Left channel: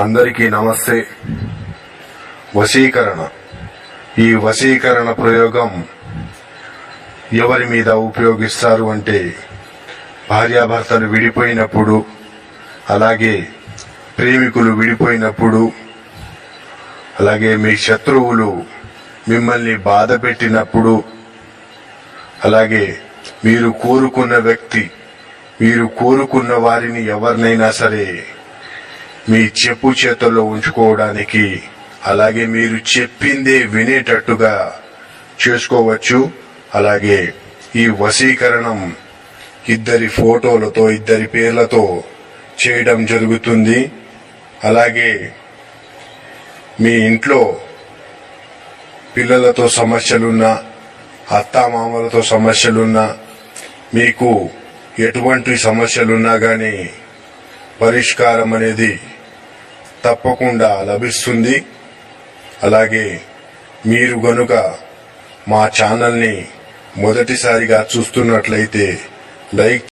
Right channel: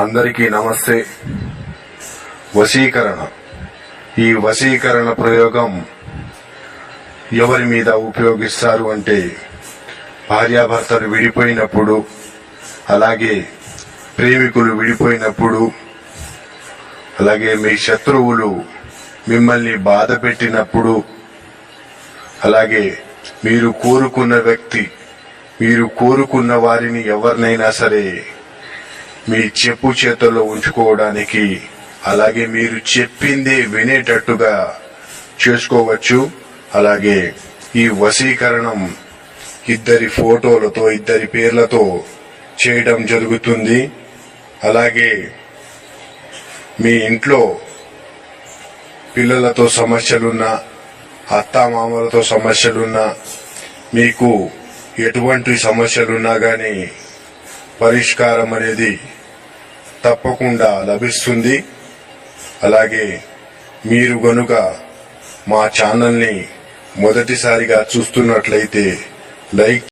అందరికీ నమస్తే. వశీకరణ. ఈ వశీకరణ ప్రయోగం ఎవరి మీద ఉపయోగిస్తారు అంటే భార్యాభర్తలు విడిపోయినప్పుడు, అలాగే ప్రేమికులు విడిపోయినప్పుడు, అలాగే మీ శత్రువులు మిమ్మల్ని బాధ పెట్టినప్పుడు, అలాగే మీరు కోరుకున్న వ్యక్తి, మీరు కోరుకున్న వారిని ఎవరినైనా సరే మీ చెప్పు చేతుల్లో ఉంచుకోవడానికి, అలాగే మీరు చెప్పిందే వినేటట్టుగా చేసుకోవచ్చు. అలాగే ఈ వశీకరణం ఇద్దరి ఫోటోలతో, ఇద్దరి పేర్లతో చేయడం జరుగుతుంది. అలాగే మీ ఇంట్లో పిల్లలతో సమస్యలున్నా, అత్తామామలతో సమస్యలున్నా, మీకు ఎటువంటి సమస్యలున్నా కానీ పరిష్కారం అనేది తప్పకుండా లభిస్తుంది. అలాగే మీరు గనుక మా ఛానల్ని మొదటిసారిగా చూస్తున్నట్లయితే లైక్